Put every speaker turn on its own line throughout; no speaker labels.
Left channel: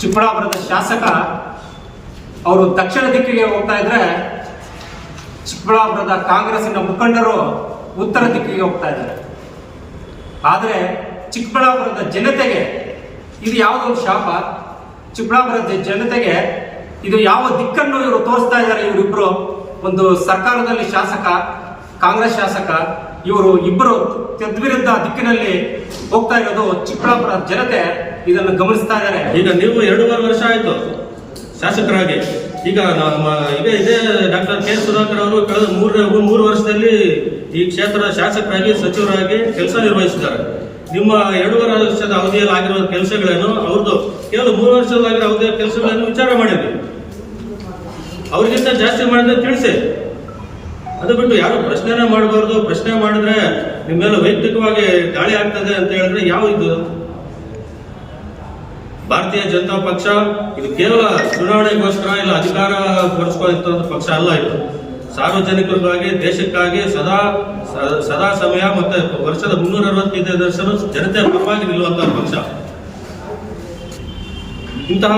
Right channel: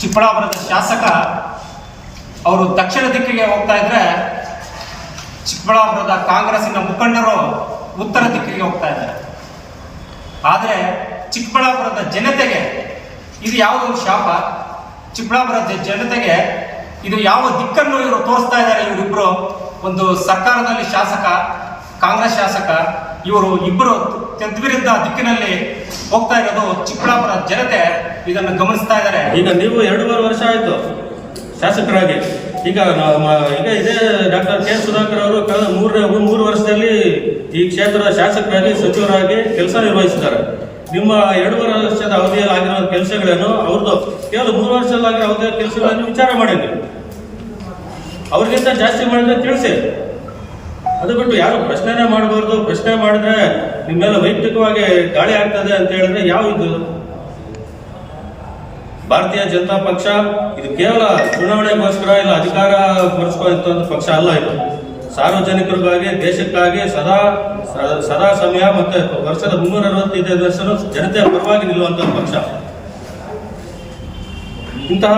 ಚಿಕ್ಕಬಳ್ಳಾಪುರದ ಶಾಸಕ ಅವರು ದಕ್ಷಿಣ ದಿಕ್ಕಿಗೆ ಹೋಗ್ತಾ ಇದ್ರೆ ಚಿಕ್ಕಬಳ್ಳಾಪುರದ ಕಾಂಗ್ರೆಸ್ಸಿನ ಮುಖಂಡರು ಉತ್ತರ ದಿಕ್ಕಿಗೆ ಹೋಗ್ತಾ ಇದ್ದಾರೆ. ಆದರೆ ಚಿಕ್ಕಬಳ್ಳಾಪುರದ ಜನತೆಗೆ ಇದು ಯಾವುದೋ ಶಾಪ? ಚಿಕ್ಕಬಳ್ಳಾಪುರದ ಜನತೆಗೆ ಇದು ಯಾವ ದಿಕ್ಕನ್ನು ಇವರು ತೋರಿಸ್ತಾ ಇದ್ದಾರೆ ಇವರಿಬ್ರು? ಒಂದು ಸರ್ಕಾರದಲ್ಲಿ ಶಾಸಕ, ಕಾಂಗ್ರೆಸ್ ಶಾಸಕ, ಇವರು ಇಬ್ಬರು ತದ್ವಿರುದ್ಧ ದಿಕ್ಕಿನಲ್ಲಿ ಹೋಗ್ತಾ ಇರೋದು ಚಿಕ್ಕಬಳ್ಳಾಪುರ ಜನತೆ. ಇದನ್ನು ಗಮನಿಸ್ತಾ ಇದ್ದಾರೆ.
ಈಗ ನೀವು ಎರಡೂವರೆ ವರ್ಷ ಆಯ್ತು ಶಾಸಕರಾಗಿ. ಈಗ ನಮ್ಮ ಈಗ ಇದೇ ಡಾಕ್ಟರ್ ಕೆ ಸುಧಾಕರ್ ಅವರು ಕಳೆದ ಮೂರು ಮೂರು ವರ್ಷದಲ್ಲಿ ಈ ಕ್ಷೇತ್ರದ ಶಾಸಕರಾಗಿ, ಸಚಿವರಾಗಿ ಕೆಲಸ ನಿರ್ವಹಿಸಿದ್ದಾರೆ. ನಿಮ್ಮ ಎರಡೂವರೆ ವರ್ಷದ ಅವಧಿಯಲ್ಲಿ ಆಗಿರುವ ಕೆಲಸಗಳನ್ನು, ಅವ್ರದ್ದು ಕೇವಲ ಮೂರು ವರ್ಷದಲ್ಲಿ ಆಗಿರೋ ಅವಧಿಯ ಕೆಲಸಗಳನ್ನು ವಿಚಾರ ಮಾಡಿದ್ವಿ ಅವ್ರಿಗಿಂತ ಜಾಸ್ತಿ ಮಾಡಿದ್ರೆ ತಿಳಿಸಿ. ಅದು ಬಿಟ್ಟು ಯಾರು ಪ್ರಶ್ನೆನೇ ಮಾಡಬಾರ್ದು. ಪ್ರಶ್ನೆ ಮಾಡಿದ್ರೆ ನಿಮ್ಮೆಲ್ಲ ವೈಯಕ್ತಿಕವಾಗಿ ದಾಳಿ ಆಗ್ತದೆ ಅಂತ ಹೇಳಿದ್ರೆ ಯಾವ ಇದು? ಭಾರತೀಯ ಜನತಾ ಪಕ್ಷ, ಇದು ಕೇವಲ ಚುನಾವಣೆಗೋಸ್ಕರ ಇಲ್ಲ, ಅಧಿಕಾರ ಅಂತ ಪಕ್ಷ ಅಲ್ಲ ಇದು. ಸಾರ್ವಜನಿಕರಿಗಾಗಿ, ದೇಶಕ್ಕಾಗಿ ಸದಾ ಸದಾ ಸಮಯ ಮತ್ತೆ ವರ್ಷದ ಮುನ್ನೂರ ಅರವತ್ತೈದು ವರ್ಷನೂ ಜನತೆಯ ಪರವಾಗಿ ನಿಲ್ಲುವಂತಹ ಪಕ್ಷ. ಇಂತಹ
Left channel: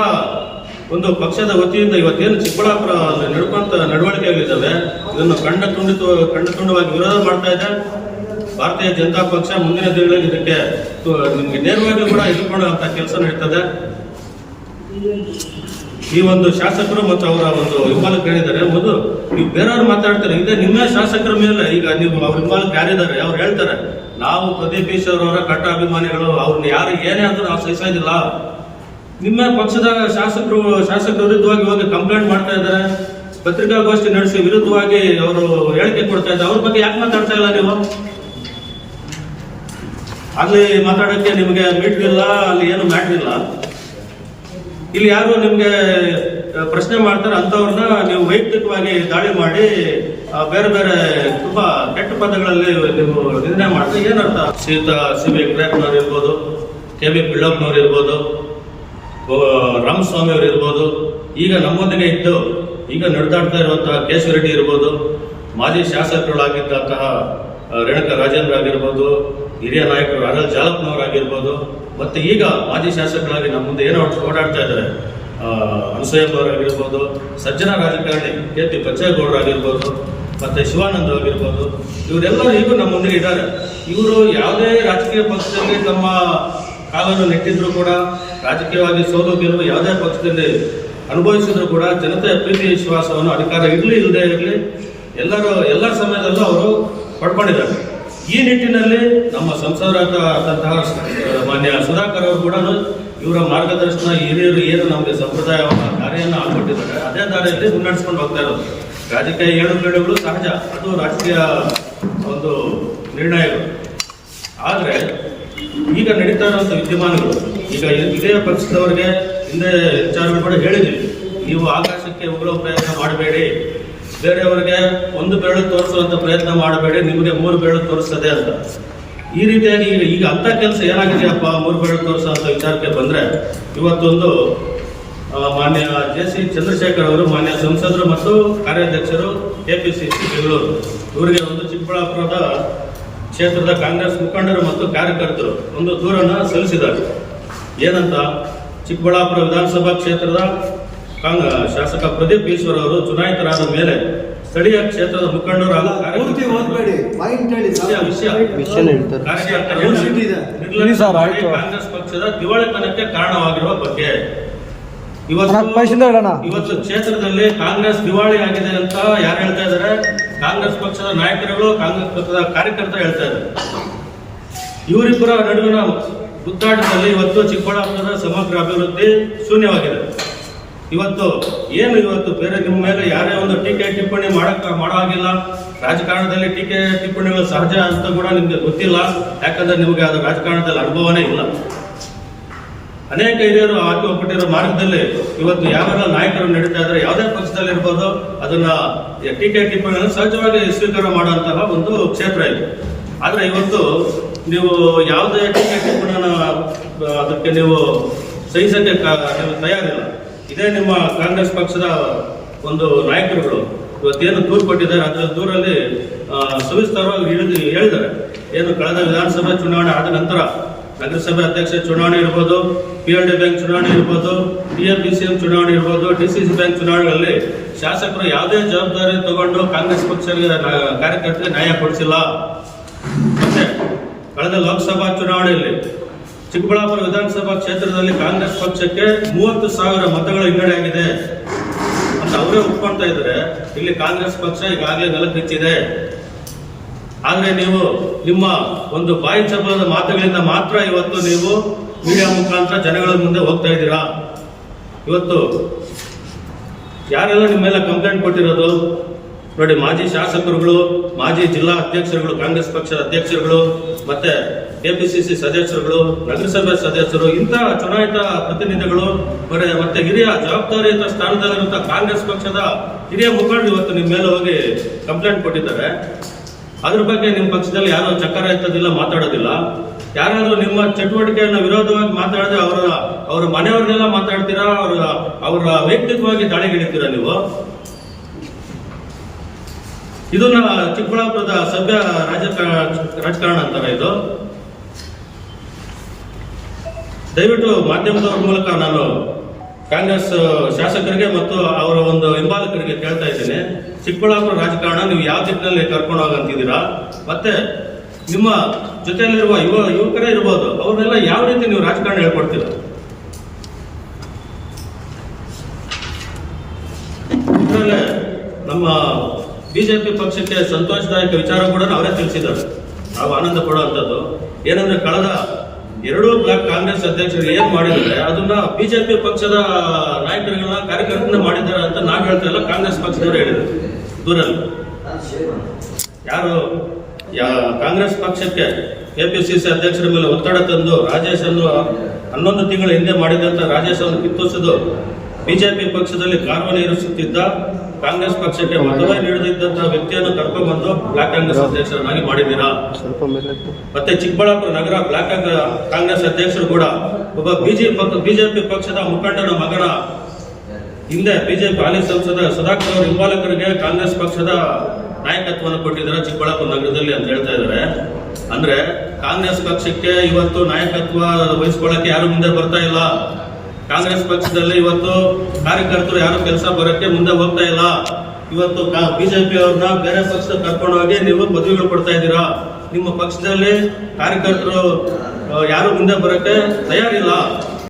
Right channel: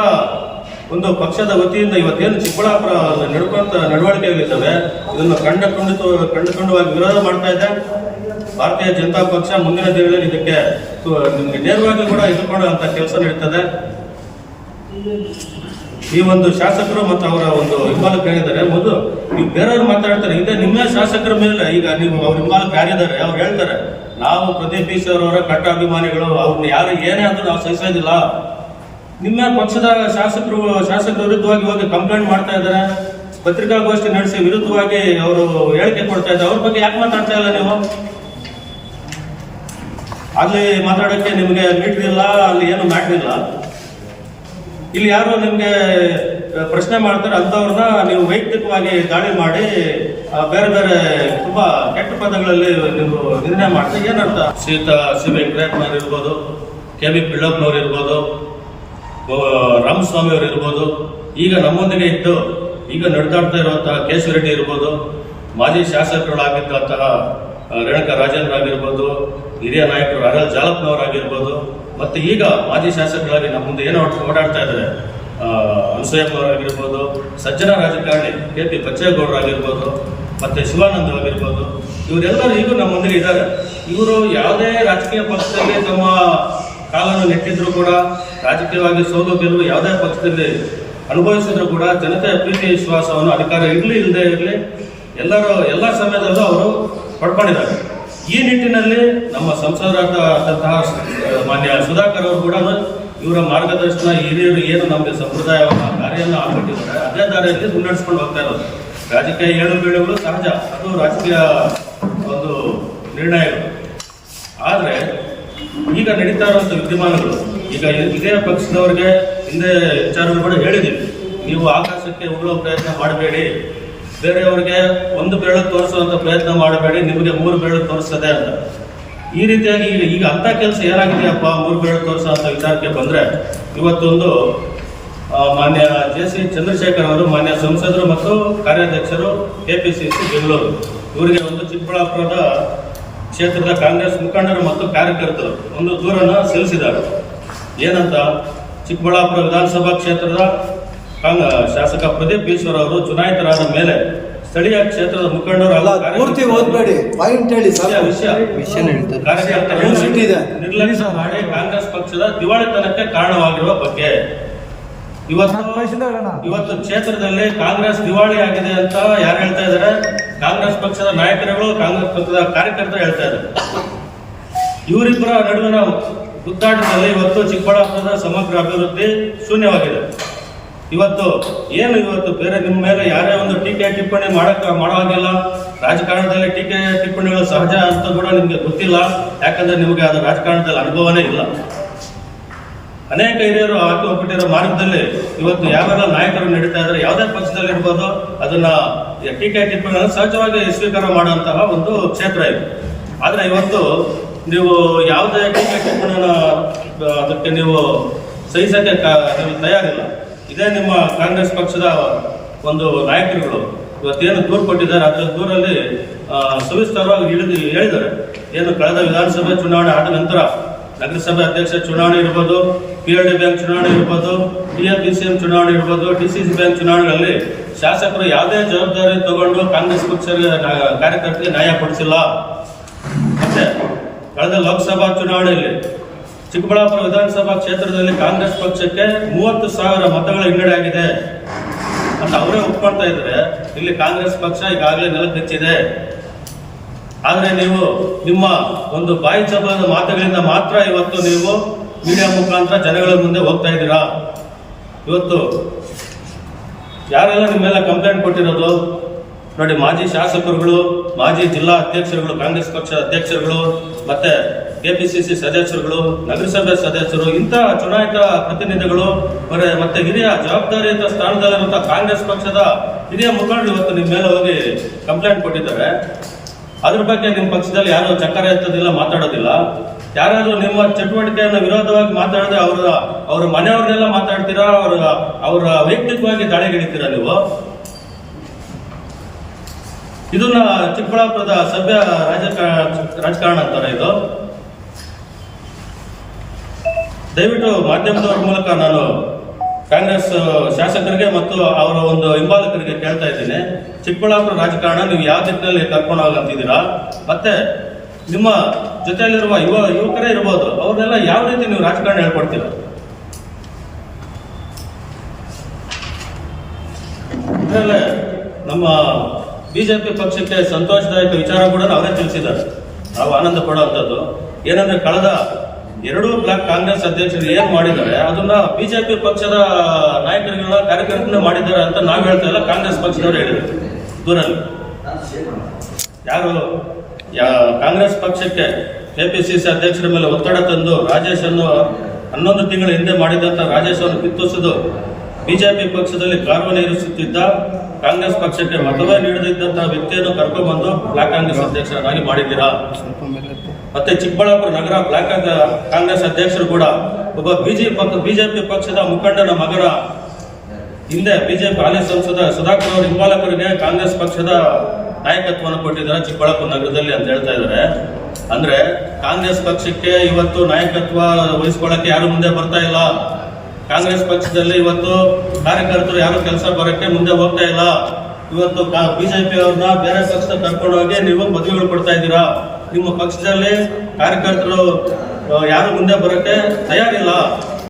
ಒಂದು ಪಕ್ಷದ ವತಿಯಿಂದ ಇವತ್ತೇನು ಚಿಕ್ಕಬಳ್ಳಾಪುರ ನಡ್ಕೊಂತ ನಡವಳಿಕೆಗಳಿದ್ದಾವೆ, ಇದನ್ನು ಕಂಡ ತುಂಡಿತು ಕಂಡ ತುಂಡವಾಗಿ ವಿರೋಧ ಮಾಡ್ತಾ ಇದೆ. ಭಾರತೀಯ ಜನತಾ ಪಕ್ಷ ಮುಂದಿನ ದಿನಗಳಲ್ಲಿ ಇದಕ್ಕೆ ನಿಮಗೆ ನೇರವಾಗಿ ಕೂಡ ಎದುರ್ಕೊಳ್ಳುವಂತ ಕೆಲಸ ನಡೀತದೆ. ಈ ಒಂದು ಶಾಸಕರು ಮತ್ತು ಅವರ ಒಂದು ಹಿಂಬಾಲಕ್ಕೆ ಹೇಳಿದ್ದಾರೆ. ಮೊದಲು ನೀವು ಬೇರೆಯವ್ರು ಮಾತಾಡ್ತಾರೆ. ಇದೇ ನಿಮ್ಮ ಶಾಸಕರ ಮೇಲೆ ಈಗ ನೀವು ಅವ್ರ ಹಿಂಬಾಲಕ್ಕೆ ಯಾರಿದ್ದಾರೆ ಅವ್ರು ಹೇಳ್ತಾರೆ, ನಾವು ಪ್ರದೀಪ್ ಈಶ್ವರ್ ಅವರ ಕಟ್ಟ ಅಭಿಮಾನಿಗಳು. ಅವ್ರನ್ನ ಯಾರು ಏನೇ ಅಂದ್ರೂ ನಾವು ಸಹಿಸೋದಿಲ್ಲ. ನಿಮ್ಮ ಪಕ್ಷದ ಶಾಸಕರು, ಶಾಸಕರ ವಿರುದ್ಧವಾಗಿ ಹೋಗಿ ಕಂಪ್ಲೇಂಟ್ ಮಾಡ್ತಾ ಇದ್ದಾರೆ. ಪತ್ರಿಕಾಗೋಷ್ಠಿ ನಡೆಸಿ ವಿರುದ್ಧವಾಗಿ ಅವರು ಹೇಳಿಕೆ ಕೊಡ್ತಾ ಇದ್ದಾರೆ. ಅವ್ರ ಬಗ್ಗೆ ಯಾಕೆ ಮಾತಾಡ್ತಾ ಇಲ್ಲ ನೀವು? ಅಲ್ಲಿ ಮಾತಾಡೋಕ್ಕೆ ನಿಮಗೆ ಮೀಟರ್ ಇಲ್ಲ ಅಲ್ಲಿ ಏನು ಮ್ಯಾಟ್ರ್ ಇಲ್ಲ. ಇಲ್ಲಿ ಯಾರು ನಿಮಗೆ ಪ್ರಶ್ನೆ ಮಾಡ್ತಾರೆ ಅಂಥವ್ರನ್ನ ನೀವು ವೈಯಕ್ತಿಕವಾಗಿ ದಾಳಿ ಮಾಡಿ ಬೇರೆ ಬೇರೆ ತುಂಬಾ ಕೆಟ್ಟ ಪದಗಳಲ್ಲಿ ನೀವು ನಿಂದನೆ ಮಾಡಿದ್ರೆ ಏನರ್ಥ? ಸೀತಾ ಸಿ ವೆಂಕಟೇಶ್ವರ ಇರ್ಬೋದು ಕೆ ಬಿ ಪಿಳ್ಳಪ್ಪನವ್ರು ಇರ್ಬೋದು ಓ, ರಾಮಸ್ವಾಮಿ ಅವರು ಇರ್ಬೋದು. ಈಗ ನಮ್ಮೊಂದಿಗೆ ಇದ್ದು ಈಗ ನಡೆದಾಡ್ತಾ ಇರುವಂತಹ ಕೇಶವರೆಡ್ಡಿ ಇರ್ಬೋದು ಮಾಜಿ ಶಾಸಕರುಗಳಾಗಿದ್ದಂತಹ ರೇಣುಕಾ ರಾಜೇಂದ್ರ ಆಗಿರ್ಬೋದು, ಹಿರಿಯ ನಾಯಕರು ಅರಲ್ ಜಾಲಪ್ಪನವರಾಗಿರ್ಬೋದು ಮತ್ತು ಈಗ ಮಾಜಿ ಶಾಸಕರಾಗಿ ನಮ್ಮ ಮುಂದೆ ಏನೋ ಓಡಾಡ್ತಾ ಇದ್ದಾರೆ. ಅನಸೂಯಪ್ಪನವರಾಗಿರ್ಬೋದು, ಸಜ್ಜನ ರಾಜಕಾರಣಿ ಕೆ ಪಿ ಬಚ್ಚೇಗೌಡರಾಗಿರ್ಬೋದು ಮತ್ತು ಶಿವಾನಂದ ಆಗಿರ್ಬೋದು, ಇವರೆಲ್ಲರೂ ನಮ್ಮ ಮುಂದೆ ಇದ್ದಾರೆ. ಇವರು ಯಾವುದೇ ರಾಜಕೀಯ ಪಕ್ಷದಲ್ಲಿ ತಮ್ಮ ಕಾಲನ್ನು ನೆಟ್ಟಿದ್ರು ಕೂಡ, ರಾಜಕೀಯವಾಗಿ ಸೋಲು ಗೆಲುವು ಯಾವುದೇ ಪಕ್ಷದಲ್ಲಿ ಅನುಭವಿಸಿದ್ರು ಕೂಡ ಜನತೆಯ ಪ್ರೀತಿ ವಿಶ್ವಾಸವನ್ನು ಅಧಿಕಾರ ಇರಲಿ ಇಲ್ಲದೆ ಇರಲಿ, ಎಲ್ಲರೂ ಎಲ್ಲ ಸಮಯದಲ್ಲೂ ಅವರು ಪಡ್ಕೊಂಡಿದ್ದಾರೆ. ಈ ನಿಟ್ಟಿನಲ್ಲಿ ನಮ್ಮ ಸಂಸದರಾದಂತಹ ಮಾನ್ಯ ಸುಧಾಕರ್ ಅವರು ಕೂಡ ಇವರ ಮಾರ್ಗದರ್ಶನ, ಹಿರಿಯರು ಏನು ನಮಗೆ ಸಂಪ್ರದಾಯವನ್ನು, ದಾರಿಯನ್ನು ಹಾಕೊಟ್ಟಿದ್ದಾರೆ, ಅದೇ ದಾರಿಯಲ್ಲಿ ಮುನ್ನಡೆಸ್ಕೊಂಡು ಹೋಗ್ತಾ ಇರೋದು. ರಾಜಕೀಯ ಏಳು ಬೇಳುಗಳು ಸಹಜ, ಅದು ರಾಜಕೀಯ ಒಂದು ನಿರ್ಣಯಗಳು. ಆದರೆ, ಈಗ ನಡೀತಾ ಇರುವಂಥ ವಿದ್ಯಮಾನಗಳು, ಈಗ ಇದೇ ಪಕ್ಷದವರಿಗೆ ಹಿಂದೆ ವಿಚಾರಗಳು ಕೂಡ ಹೇಳಿದ್ದೀವಿ ನೀವು ಆಕಾಶಕ್ಕೆ ಉಗುಳೋ ಪ್ರಯತ್ನ ಮಾಡಬೇಡಿ. ಬೇರೆಯವರಿಗೆ ಒಂದು ಬೆರಳು ತೋರಿಸುವಂಥ ಪ್ರಯತ್ನ ಮಾಡಬೇಡಿ, ನಿಮಗೆ ಮೂರು ಬೆರಳು ತೋರಿಸ್ತದೆ ಅಂತ. ಈ ರೀತಿಯಾಗಿ ಈಗ ಈಗ ಅಂಥ ಕೆಲಸ ಏನಾಗಿದೆಯಪ್ಪ, ಮೂರು ಬೆರಳು ತೋರಿಸೋಂಥ ವಿಚಾರಕ್ಕೆ ಬಂದರೆ, ಇವತ್ತೊಂದು ಮಾನ್ಯ ಜೆ ಸಿ ಚಂದ್ರಶೇಖರ್ ಅವರು, ಮಾನ್ಯ ಸಂಸದರು ಮತ್ತು ಕಾರ್ಯಾಧ್ಯಕ್ಷರು K P C C Bengaluru. ಇವರಿಗೆ ಒಂದು ಚಿಕ್ಕಬಳ್ಳಾಪುರದ ಕ್ಷೇತ್ರದ ಕಾಂಗ್ರೆಸ್ ಮುಖಂಡರು ಮತ್ತು ಕಾರ್ಯಕರ್ತರು ಒಂದು ದೂರನ್ನು ಸಲ್ಲಿಸಿದ್ದಾರೆ. ಏನಂತ? ಚಿಕ್ಕಬಳ್ಳಾಪುರ ವಿಧಾನಸಭಾ ಕ್ಷೇತ್ರದ ಶಾಸಕ ಪ್ರದೀಪ್ ಈಶ್ವರ್ ಅವರು ಚುನಾಯಿತರಾದ ಮೇಲೆ ಸ್ಥಳೀಯ ಕ್ಷೇತ್ರದ ಮುಖಂಡರು
ಅಲ್ಲ ಪೂರ್ತಿ ಓದ್ಬೇಡಿ. ಪಾಯಿಂಟ್ ಹೇಳಿ.
ನಿರ್ಲಕ್ಷ್ಯ ಮಾಡಿ ಕಾಂಗ್ರೆಸ್ ಪಕ್ಷದ ದಿವಾಳಿತನಕ್ಕೆ ಕಾರಣವಾಗಿರುವ ಬಗ್ಗೆ. ಇವತ್ತು ಇವತ್ತು ಕ್ಷೇತ್ರದಲ್ಲಿ ಕಾಂಗ್ರೆಸ್ ದಿವಾಳಿ ಆಗಿದೆ ಅಂತ ಯಾರು ಹೇಳ್ತಾ ಇದ್ದಾರೆ? ಕಾಂಗ್ರೆಸ್ ಪಕ್ಷದ ನಾಯಕರುಗಳು ಕಾಂಗ್ರೆಸ್ ಪಕ್ಷದ ಕಾರ್ಯಕರ್ತರು ಹೇಳ್ತಾ ಇದ್ದಾರೆ. ಇವರಿಬ್ಬರ ನಡುವಿನ ಗುದ್ದಾಟದಲ್ಲಿ ಇವತ್ತು ಚಿಕ್ಕಬಳ್ಳಾಪುರದ ಸಮಗ್ರ ಅಭಿವೃದ್ಧಿ ಶೂನ್ಯವಾಗಿದೆ. ಇವತ್ತು, ಏನು ಇವತ್ತು ಬೇರೆ ನಿಮ್ಮ ಮೇಲೆ ಯಾರೇ ಒಂದು ಟೀಕೆ ಟಿಪ್ಪಣಿ ಮಾಡಕ್ ಮಾಡೋ ಹಾಗಿಲ್ಲ. ರಾಜಕಾರಣದಲ್ಲಿ ಟೀಕೆ ಟಿಪ್ಪಣಿಗಳು ಸಹಜ ಅಂತ ಕೂಡ ನಿಮಗೆ ಗೊತ್ತಿಲ್ಲ. ಯಾಕಂದ್ರೆ ನಿಮಗೆ ಅದು ರಾಜಕಾರಣದಲ್ಲಿ ಅನುಭವನೇ ಇಲ್ಲ. ಅನೇಕ ಹಿರಿಯರು ಹಾಕಿ ಹೋಗ್ಬಿಟ್ಟಿರೋ ಮಾರ್ಗದಲ್ಲಿ ಇವತ್ತು ಯಾವೆಲ್ಲ ನಾಯಕರು ನಡೀತಾ ಇದ್ದಾರೆ ಯಾವುದೇ ಪಕ್ಷದಲ್ಲಿ ಇರ್ಬೋದು ಅದನ್ನ ಟೀಕೆ ಟಿಪ್ಪಣಿಗಳನ್ನು ಸಹಜವಾಗಿ ಸ್ವೀಕಾರ ಮಾಡುವಂತಹ ಒಂದು ಕ್ಷೇತ್ರ ಇದು. ಆದ್ರೆ ಇವತ್ತು ನೀವು ಯಾವುದೇ ಟೀಕೆ ಟಿಪ್ಪಣಿಯನ್ನು, ಅದಕ್ಕೆ ನೀವು ಸಹಿಸಕ್ಕೆ ನೀವು ತಯಾರಿಲ್ಲ. ಇದೇ ನಿಮ್ಮ ಕಾಂಗ್ರೆಸ್ ಪಕ್ಷದ ಒಂದು ನಾಯಕರುಗಳು ಇವತ್ತೇನು ದೂರು ಕೊಟ್ಟಿದ್ದಾರೆ ಅದರ ದೂರಲ್ಲಿ ಸವಿಸ್ತಾರವಾಗಿ ಇಳಿದು ಹೇಳಿದ್ದಾರೆ. ಏನು ಕಳೆದ ವಿಧಾನಸಭೆ ಚುನಾವಣೆ ಆದ ನಂತರ ನಗರಸಭೆ ಅಧ್ಯಕ್ಷ ಚುನಾವಣೆ ಇರ್ಬೋದು ಪಿ ಎಲ್ ಡಿ ಬ್ಯಾಂಕ್ ಚುನಾವಣೆ ಇರ್ಬೋದು P L B C M ಚುನಾವಣೆ ಇರ್ಬೋದು ಡಿ ಸಿ ಸಿ ಬ್ಯಾಂಕ್ ಚುನಾವಣೆಗಳಲ್ಲಿ ಶಾಸಕರು ಯಾವುದೇ ಜವಾಬ್ದಾರಿ ತಗೊಂಡು ಕಾಂಗ್ರೆಸ್ ಪಕ್ಷದ ಕಾರ್ಯಕರ್ತರಿಗೆ ನ್ಯಾಯ ಕೊಡಿಸಿಲ್ಲ. ಮತ್ತೆ ಕಳೆದ ಲೋಕಸಭಾ ಚುನಾವಣೆಯಲ್ಲಿ ಚಿಕ್ಕಬಳ್ಳಾಪುರ ವಿಧಾನಸಭಾ ಕ್ಷೇತ್ರದಲ್ಲಿ ಕಾಂಗ್ರೆಸ್ ಪಕ್ಷಕ್ಕೆ ಮೂವತ್ತು ಸಾವಿರ ಮತಗಳ ಹಿನ್ನಡೆ ಆಗಿದೆ. ಅಂತ ಅವರೇ ಒಪ್ಕೊಳ್ತಾ ಇದ್ರೆ ಇಲ್ಲಿ ಕಾಂಗ್ರೆಸ್ ಪಕ್ಷ ಈಗಾಗಲೇ ನೆಲಕಚ್ಚಿದೆ ಆದರೆ ನೀವು ನಿಮ್ಮ ಒಂದು ಬಾಯಿ ಚಬ್ಬದ ಮಾತುಗಳಿಂದ ಮಾತ್ರ ಇವತ್ತು ನೀವು ಮೀಡಿಯಾ ಮುಖಾಂತರ ಜನಗಳ ಮುಂದೆ ಹೋಗ್ತಾ ಇದ್ದೀರಾ? ಇವತ್ತು ಯಾರೆಲ್ಲ ನಿಮ್ಮ ಮೇಲೆ ಕಂಪ್ಲೇಂಟ್ ಕೊಟ್ಟಿರೋದು? ನೋಡಿ, ಮಾಜಿ ಶಾಸಕರುಗಳು, ಮಾಜಿ ಜಿಲ್ಲಾ ಅಧ್ಯಕ್ಷರುಗಳು, ಕಾಂಗ್ರೆಸ್ ಪಕ್ಷದ ಅಧ್ಯಕ್ಷರುಗಳು, ಮತ್ತೆ ಕೆಪಿಸಿಸಿ ಸದಸ್ಯರುಗಳು, ನಗರಸಭೆ ಸದಸ್ಯರು ಇಂತಹ ಚುನಾಯಿತ ಪ್ರತಿನಿಧಿಗಳು ಮತ್ತೆ ಹಿರಿಯ ಜವಾಬ್ದಾರಿಯುತ ಸ್ಥಾನದಲ್ಲಿರುವಂತಹ ಕಾಂಗ್ರೆಸ್ ಪಕ್ಷದ ಹಿರಿಯ ಮುಖಂಡರು ಇವತ್ತು ನಿಮ್ಮ ಮೇಲೆ ಹೋಗಿ ಕಂಪ್ಲೇಂಟ್ ಕೊಟ್ಟಿದ್ದಾರೆ. ಅದ್ರ ಬಗ್ಗೆ ನಿಮ್ಮ ಪಕ್ಷದಲ್ಲಿ ಯಾರು ಚಕ್ಕರ ಎತ್ತೋದಿಲ್ಲ, ಮಾತಾಡೋದಿಲ್ಲ. ಯಾರಾದ್ರೂ ನಿಮ್ಮ ಚಟುವಟಿಕೆಯನ್ನು ವಿರೋಧವಾಗಿ ಮಾತಾಡಿದ್ರೆ ಅವರ ಅವರ ಮನೆಯವ್ರನ್ನೆಲ್ಲ ಮಾತಾಡ್ತೀರಾ? ಅವರ ಅವರ ವೈಯಕ್ತಿಕವಾಗಿ ದಾಳಿಗಿಳಿತೀರಾ ನೀವು? ಇದನ್ನ ಚಿಕ್ಕಬಳ್ಳಾಪುರದ ಸಭ್ಯ ರಾಜಕ, ರಾಜಕಾರಣ ಅಂತಾರೆ ಇದು. ದಯವಿಟ್ಟು ಮಾಧ್ಯಮದವ್ರ ಮೂಲಕ ನಾನು ಕಾಂಗ್ರೆಸ್ ಶಾಸಕರಿಗೆ ಮತ್ತು ಅವರ ಒಂದು ಹಿಂಬಾಲಕರಿಗೆ ಕೇಳ್ತಾ ಇದ್ದೀನಿ. ಚಿಕ್ಕಬಳ್ಳಾಪುರ ರಾಜಕಾರಣ, ನೀವು ಯಾವ ದಿಕ್ಕಿನಲ್ಲಿ ಕರ್ಕೊಂಡು ಹೋಗಂತಿದ್ದೀರಾ? ಮತ್ತೆ ನಿಮ್ಮ ಜೊತೆಯಲ್ಲಿರುವ ಯುವ ಯುವಕರೇ ಇರ್ಬೋದು, ಅವ್ರನ್ನೆಲ್ಲ ಯಾವ ರೀತಿ ನೀವು ರಾಜಕಾರಣ ಹೇಳ್ಕೊಡ್ತೀರ? ಇದರಲ್ಲೇ ನಮ್ಮ ಬಿಜೆಪಿ ಪಕ್ಷಕ್ಕೆ ಸಂತೋಷದಾಯಕ ವಿಚಾರ ಕೂಡ ಅವರೇ ತಿಳಿಸಿದ್ದಾರೆ. ನಾವು ಆನಂದ ಪಡುವಂಥದ್ದು. ಏನಂದ್ರೆ ಕಳೆದ ಎರಡೂ ಬ್ಲಾಕ್ ಕಾಂಗ್ರೆಸ್ ಅಧ್ಯಕ್ಷರು ಏನ್ ಮಾಡಿದ್ದಾರೆ, ಅದನ್ನ ಬಿಜೆಪಿ ಪಕ್ಷದ ನಾಯಕರುಗಳನ್ನ ಕಾರ್ಯಕರ್ತನ ಮಾಡಿದ್ದಾರೆ ಅಂತ ನಾವ್ ಹೇಳ್ತಾ ಇಲ್ಲ, ಕಾಂಗ್ರೆಸ್ ಪಕ್ಷದವರು ಹೇಳಿದ್ರು. ದೂರಲ್ಲಿ. ಯಾರು? ಕಾಂಗ್ರೆಸ್ ಪಕ್ಷಕ್ಕೆ ಕೆಪಿಸಿಸಿ ಅಧ್ಯಕ್ಷರ ಮೇಲೆ ಒತ್ತಡ ತಂದು ರಾಜೇಶ್ ಅನ್ನು ಹನ್ನೊಂದು ತಿಂಗಳ ಹಿಂದೆ ಮಾಡಿದಂತ ರಾಜೇಶ್ ಅನ್ನು ಕಿತ್ತುಸಿದು ಬಿಜೆಪಿ ಪಕ್ಷದಲ್ಲಿ ಕಾರ್ಯನಿರ್ವಹಿಸುತ್ತಿದ್ದ ಕಾಂಗ್ರೆಸ್ ಪಕ್ಷಕ್ಕೆ ಮತವೇ ನೀಡದಿದ್ದಂತಹ ವ್ಯಕ್ತಿಯನ್ನು ಕರ್ಕೊಂಡ್ಬಂದು ಬ್ಲಾಕ್ ಕಾಂಗ್ರೆಸ್ ಅಧ್ಯಕ್ಷರನ್ನಾಗಿ ಮಾಡಿದ್ದೀರಾ? ಮತ್ತೆ ಚಿಕ್ಕಬಳ್ಳಾಪುರ ನಗರ ಬ್ಲಾಕ್ ಕಾಂಗ್ರೆ- ಕಾಂಗ್ರೆಸ್ ಅಧ್ಯಕ್ಷರು ಕೂಡ ಒಬ್ಬ ಬಿಜೆಪಿ ಬಿಜೆಪಿ ಪಕ್ಷದ ಮುಖಂಡನ ಮಗನ ಹಿಂದೆ ಬಿಜೆಪಿ ಹಾಲಿ ಸಂಸದ ಸುಧಾಕರ್ ಅವರು ಹಿಂಬಾಲಕರಿಗೆ ಕಾಂಗ್ರೆಸ್ ಪಕ್ಷದ ನಾಯಕತ್ವವನ್ನು ಕೊಟ್ಟಿದ್ದಾರೆ ಚಿಕ್ಕಬಳ್ಳಾಪುರ ನಗರದಲ್ಲಿ ಅಂತ ಹೇಳ್ತಾ ಇದ್ದಾರೆ. ಅಂದ್ರೆ ಕಾಂಗ್ರೆಸ್ ಪಕ್ಷಕ್ಕೆ ಇವತ್ತು ನಾಯಕತ್ವ ವಹಿಸ್ಕೊಳ್ಳಕ್ಕೆ ಯಾರು ಮುಂದೆ ಬರ್ತಾ ಇಲ್ಲ? ಕಾಂಗ್ರೆಸ್ ಪಕ್ಷದಲ್ಲಿ ಇವತ್ತು ಕಾರ್ಯಕರ್ತರು ಯಾರು ಕೆಲಸ ಬರೋಕ್ಕೆ ಮುಂದೆ ಹೋಗ್ತಾ ಇಲ್ಲ. ಇವತ್ತು ಬಿಜೆಪಿ ಅವ್ರನ್ನ ಬೇರೆ ಪಕ್ಷ ಕರ್ಕೊಂಡು ಹೋಗಿ ನೀವು ಪದವಿಗಳು ಕೊಡ್ತಾ ಇದ್ದೀರಾ. ನಿಮ್ಮ ಪಕ್ಷದಲ್ಲಿ ಕಾರ್ಯಕರ್ತರು ಯಾರು ಮುಂದೆ ಬರೋಕ್ಕೆ ತಯಾರಿಲ್ಲ.